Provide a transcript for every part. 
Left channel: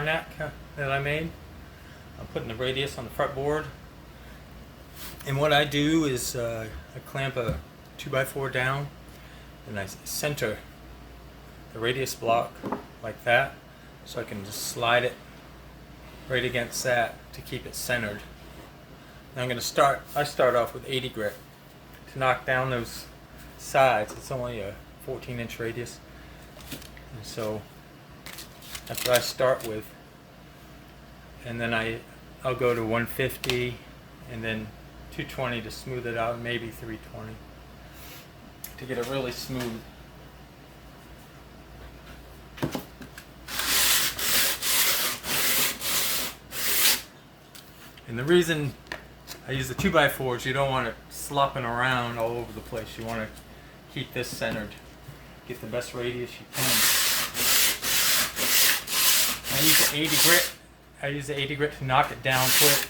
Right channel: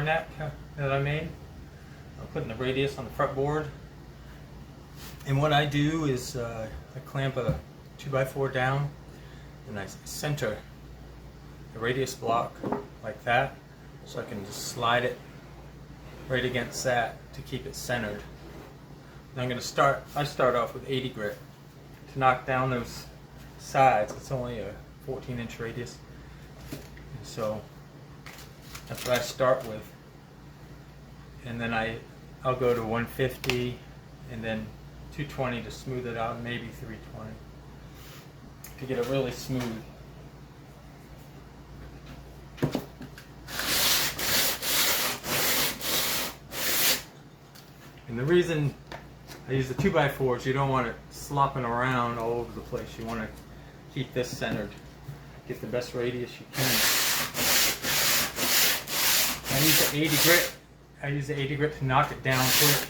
car neck that I made. I'm putting the radius on the fretboard. And what I do is I clamp a 2x4 down and I center the radius block like that, so I can just slide it right against that to keep it centered. And I'm going to I start off with 80 grit to knock down those sides. It's only a 14-inch radius. And so that's what I start with. And then I'll go to 150 and then 220 to smooth it out, maybe 320 to get it really smooth. And the reason I use the 2x4s, you don't want it slopping around all over the place. You want to keep this centered, get the best radius you can. I use the 80 grit. I use the 80 grit to knock it down quick.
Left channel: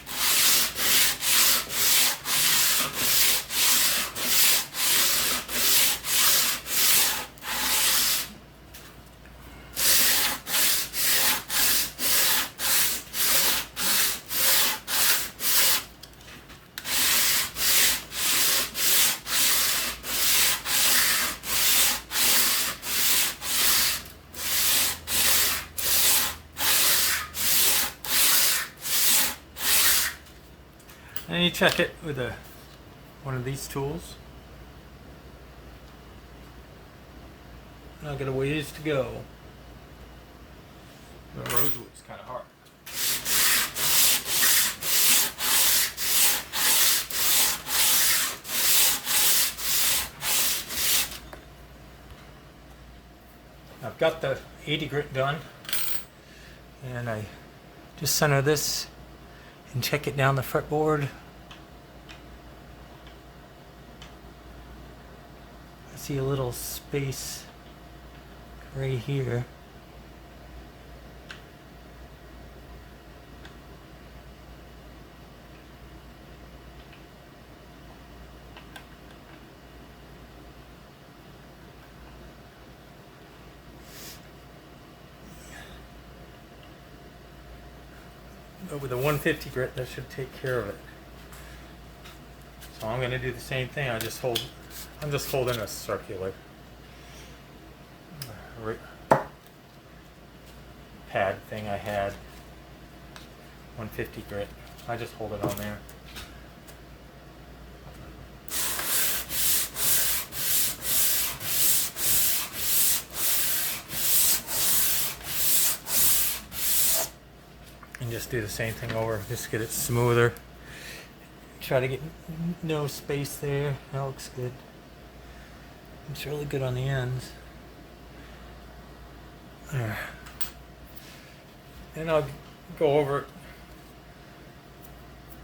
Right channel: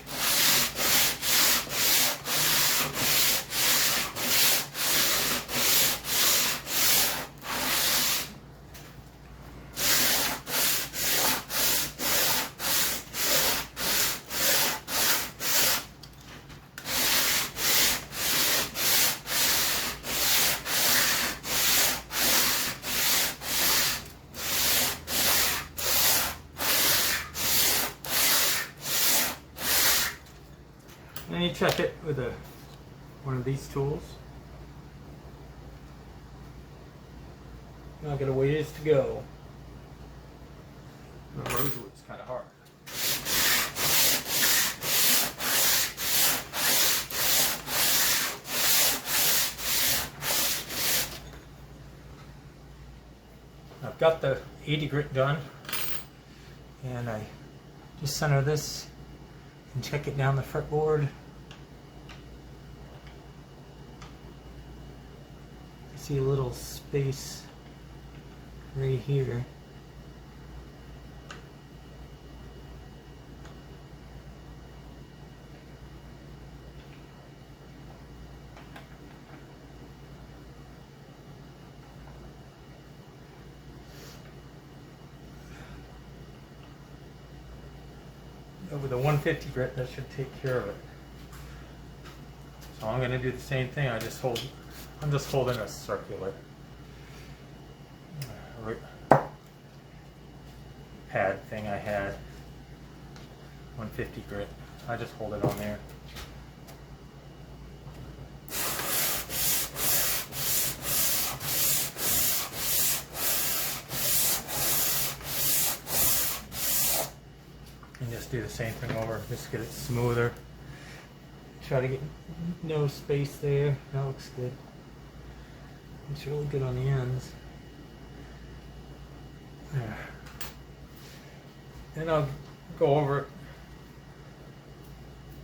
And you check it with one of these tools. And I'll get a ways to go. It's kind of hard. I've got the 80 grit done, and I just center this and check it down the fretboard. I see a little space right here. Over the 150 grit, that should take care of it. So I'm going to do the same thing. I'm just holding a circular pad thing I had. 150 grit. I just hold it on there. And just do the same thing over, just get it smoother. Try to get no space there. That looks good. It's really good on the ends. There. And I'll go over a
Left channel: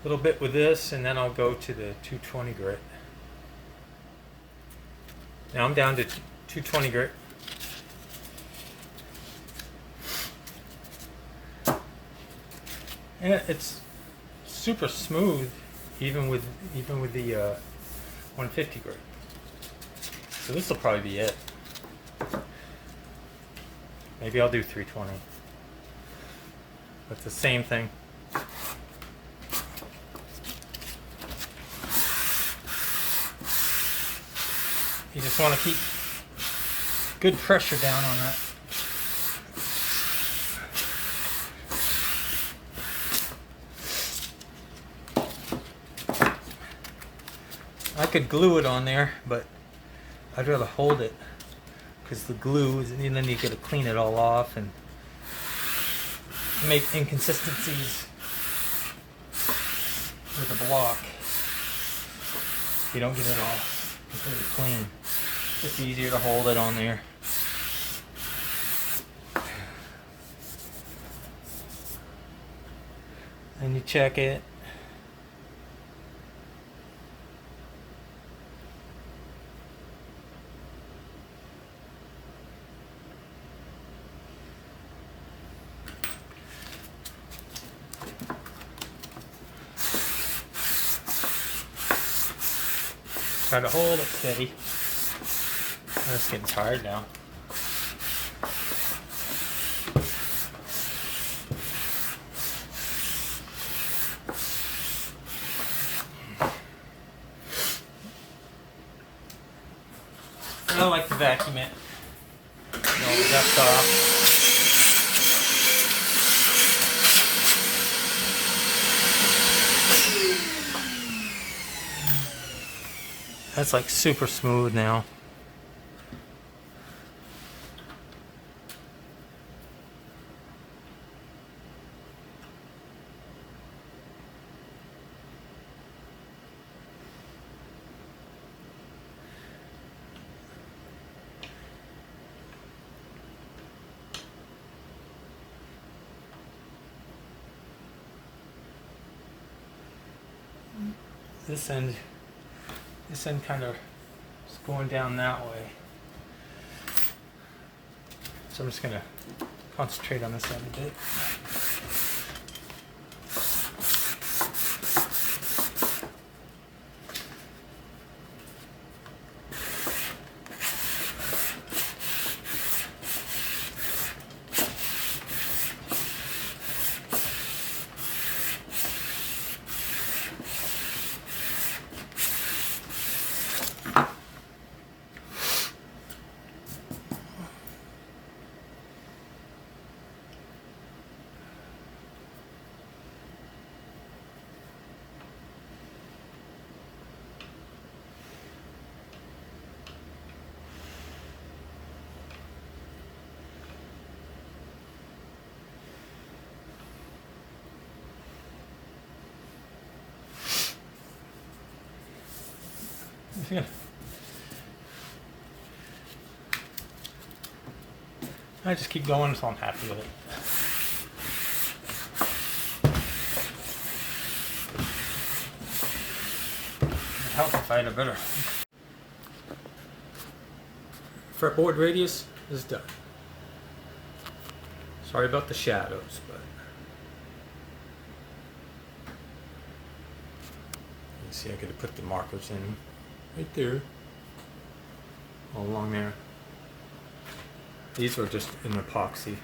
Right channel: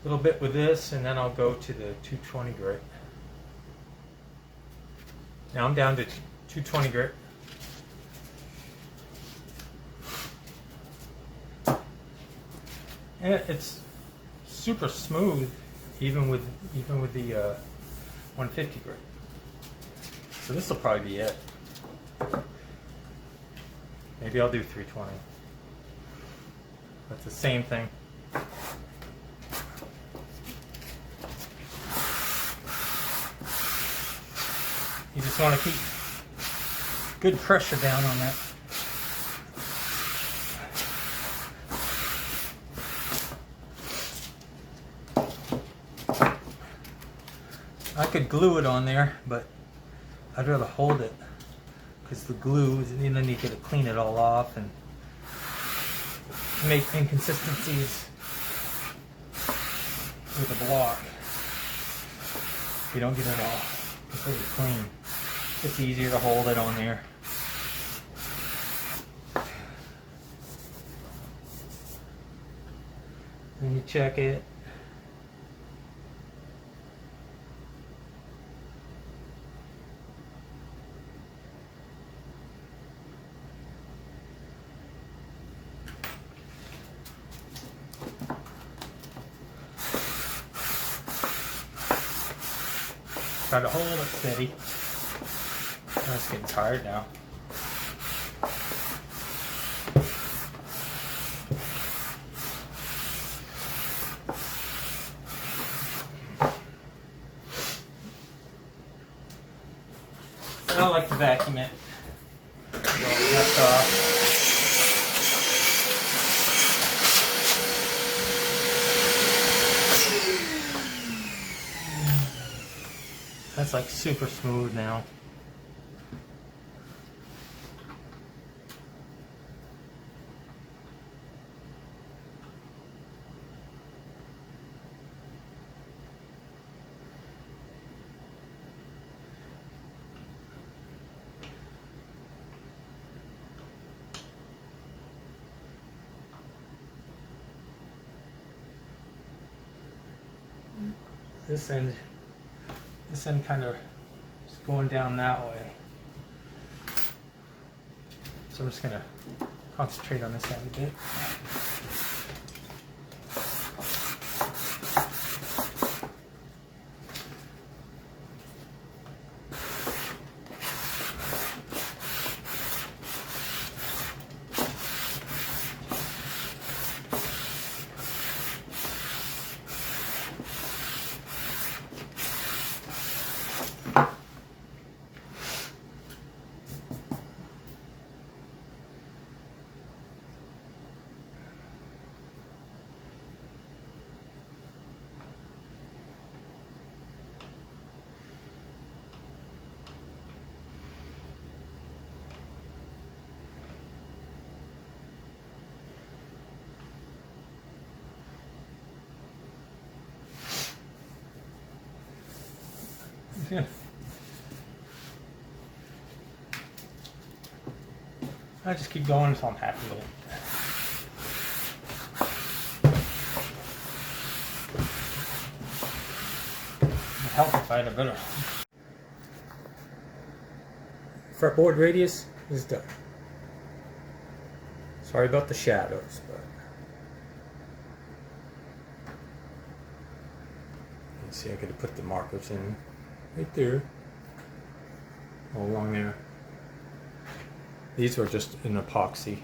little bit with this, and then I'll go to the 220 grit. Now I'm down to 220 grit. And it's super smooth, even with the 150 grit. So this will probably be it. Maybe I'll do 320. But the same thing. You just want to keep good pressure down on that. I could glue it on there, but I'd rather hold it because the glue is, and then you got to clean it all off and make inconsistencies with the block. You don't get it all completely clean. It's easier to hold it on there. And you check it. Try to hold it steady. It's getting tired now. I like to vacuum it. All the dust off. That's like super smooth now. This end kind of is going down that way. So I'm just gonna concentrate on this end a bit. Yeah. I just keep going until I'm happy with it. It'd help if I had a better fretboard radius is done. Sorry about the shadows, but you see I could have put the markers in right there, all along there. These are just an epoxy.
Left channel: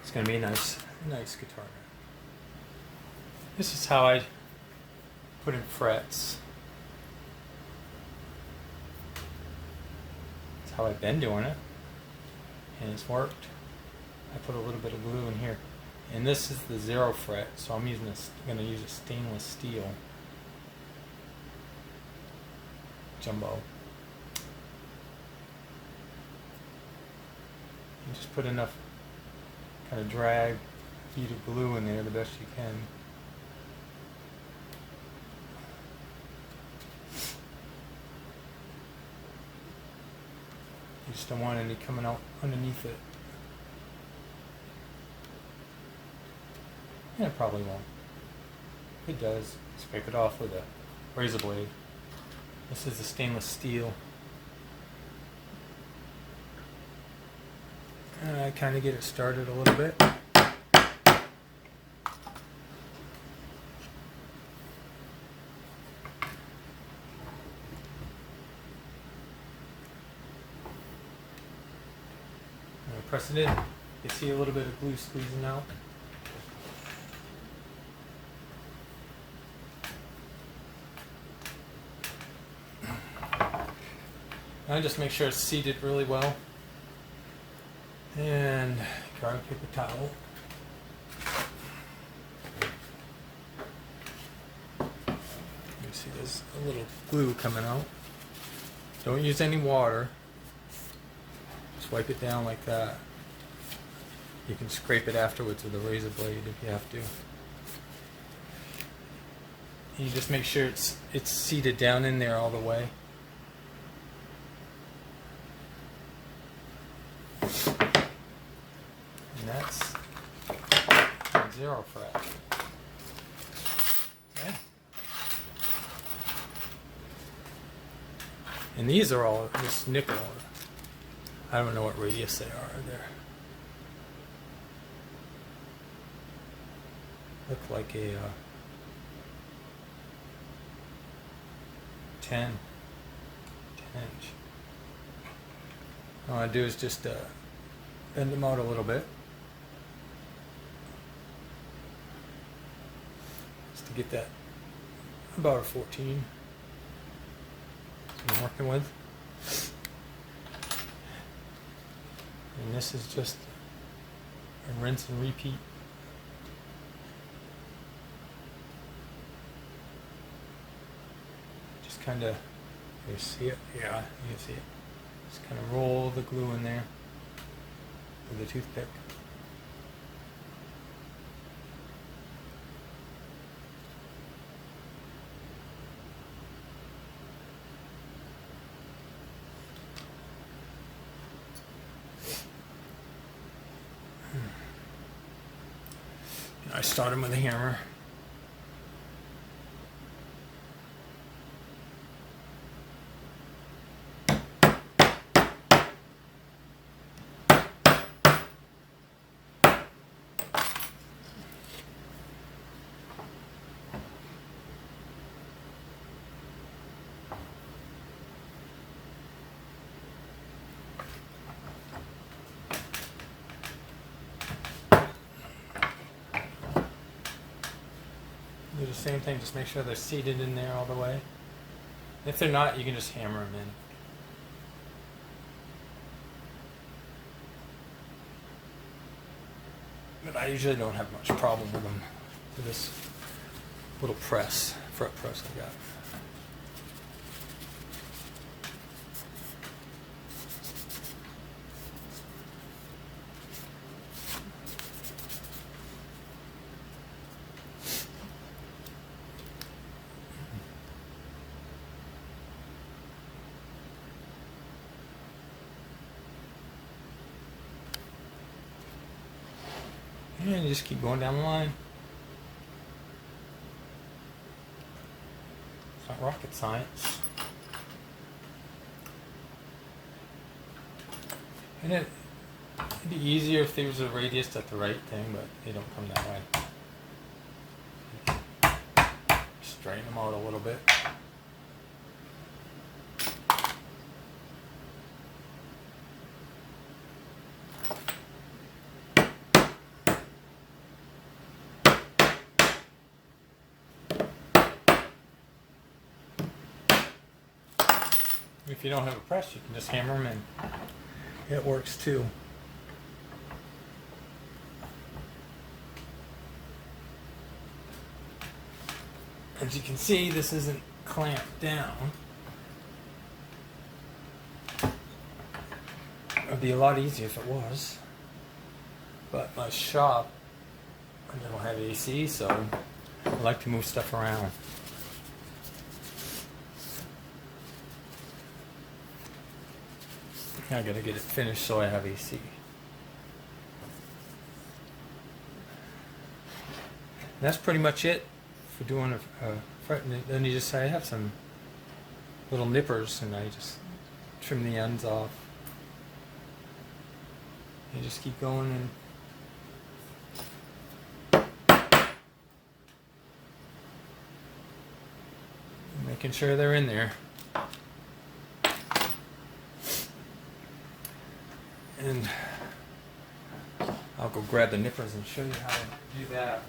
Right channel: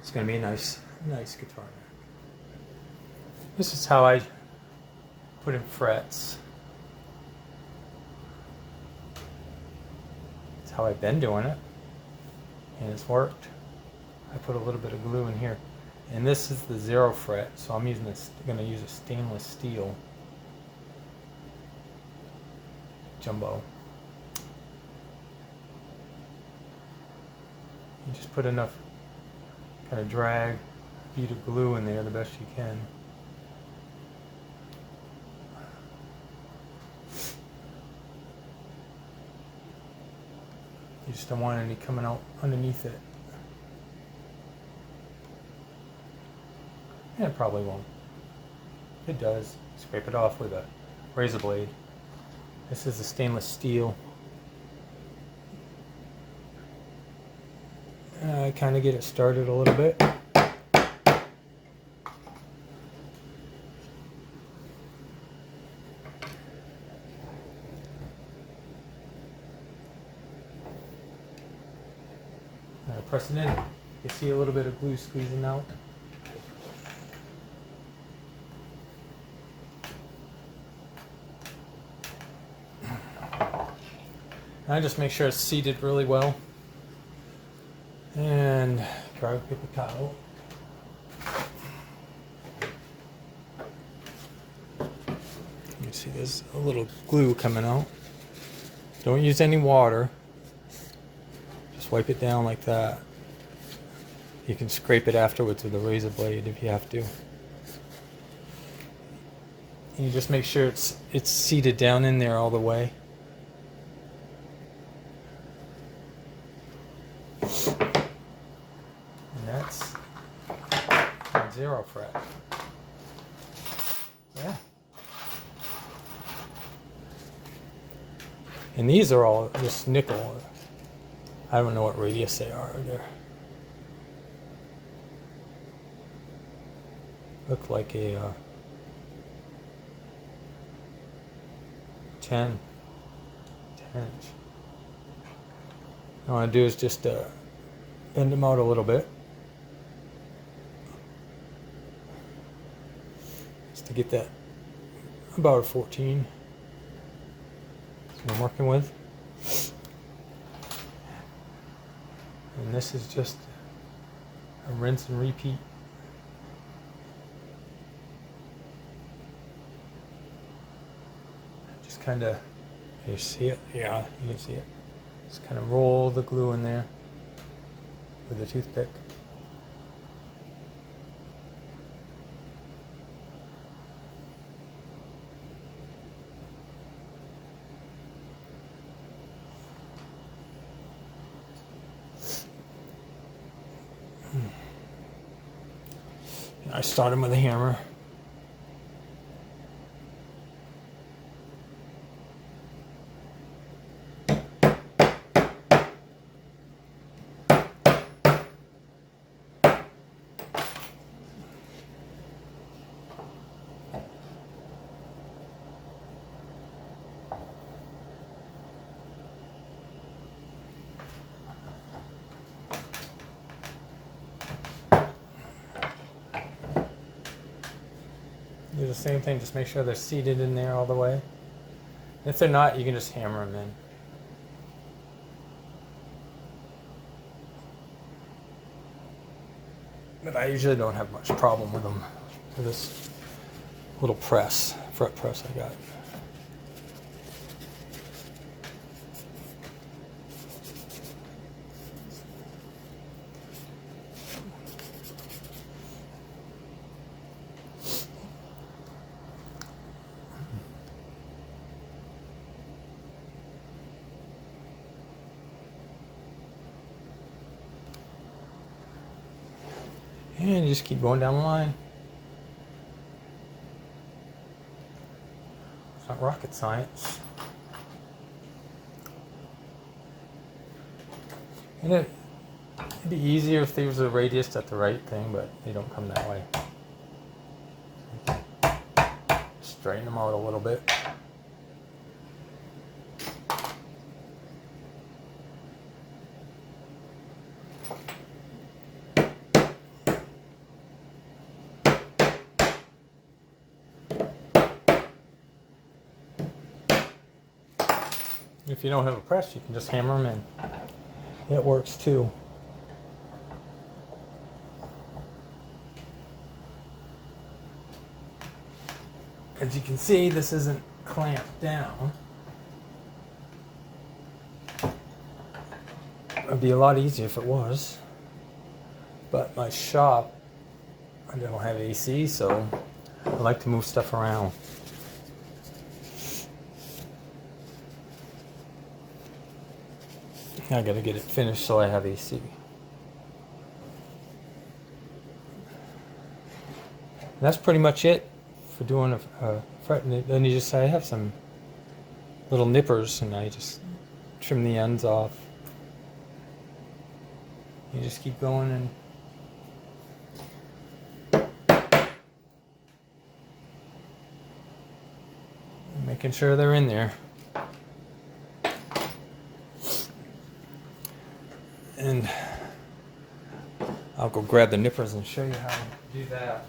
It's going to be a nice guitar neck. This is how I put in frets. That's how I've been doing it, and it's worked. I put a little bit of glue in here, and this is the 0 fret, so I'm going to use a stainless steel jumbo. You just put enough kind of drag feed of glue in there the best you can. You just don't want any coming out underneath it. And it probably won't. If it does, scrape it off with a razor blade. This is a stainless steel. I kind of get it started a little bit. I press it in. You see a little bit of glue squeezing out. I just make sure it's seated really well. And garlic paper towel. You see there's a little glue coming out. Don't use any water. Just wipe it down like that. You can scrape it afterwards with a razor blade if you have to. And you just make sure it's seated down in there all the way. And that's 0 fret. Yeah. And these are all just nickel. I don't know what radius they are. They're look like a 10 inch. All I do is just bend them out a little bit, just to get that about a 14. That's what I'm working with. And this is just a rinse and repeat. Just kind of, you see it? Yeah, you can see it. Just kind of roll the glue in there with a toothpick. I start them with a hammer. Do the same thing, just make sure they're seated in there all the way. If they're not, you can just hammer them in. But I usually don't have much problem with them, with this little press, fret press I got. And you just keep going down the line. It's not rocket science. And it'd be easier if there was a radius at the right thing, but they don't come that way. Straighten them out a little bit. If you don't have a press, you can just hammer them in. It works too. As you can see, this isn't clamped down. It'd be a lot easier if it was. But my shop, I don't have AC, so I like to move stuff around. I gotta get it finished so I have AC. And that's pretty much it for doing a fret. Then you just, I have some little nippers and I just trim the ends off. You just keep going and making sure they're in there. And I'll go grab the nippers and show you how to do that.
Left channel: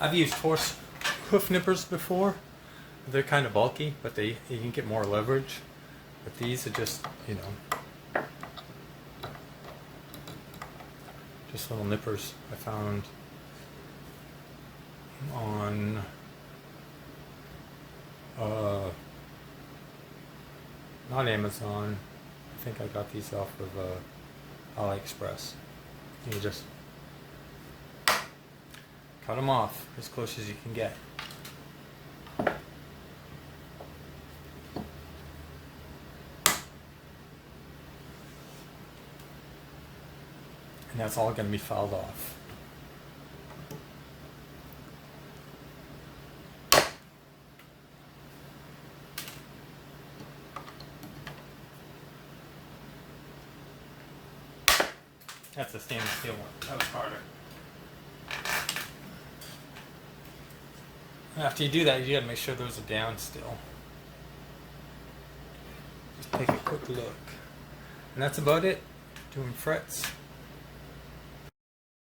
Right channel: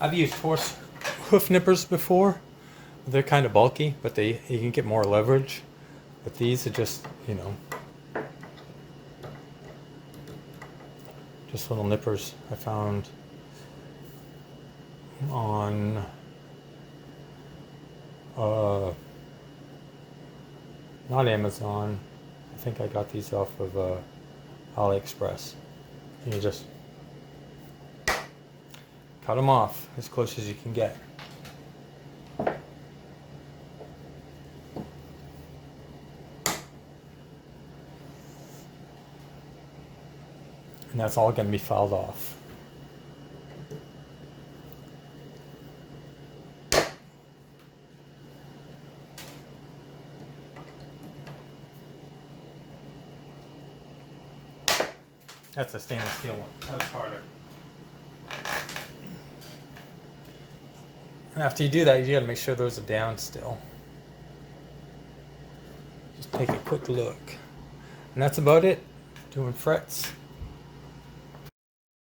I've used horse hoof nippers before. They're kind of bulky, but you can get more leverage. But these are just, you know, just little nippers I found on not Amazon. I think I got these off of AliExpress. And you just cut them off as close as you can get. And that's all going to be filed off. That's a stainless steel one. That was harder. After you do that, you gotta make sure those are down still. Just take a quick look. And that's about it. Doing frets.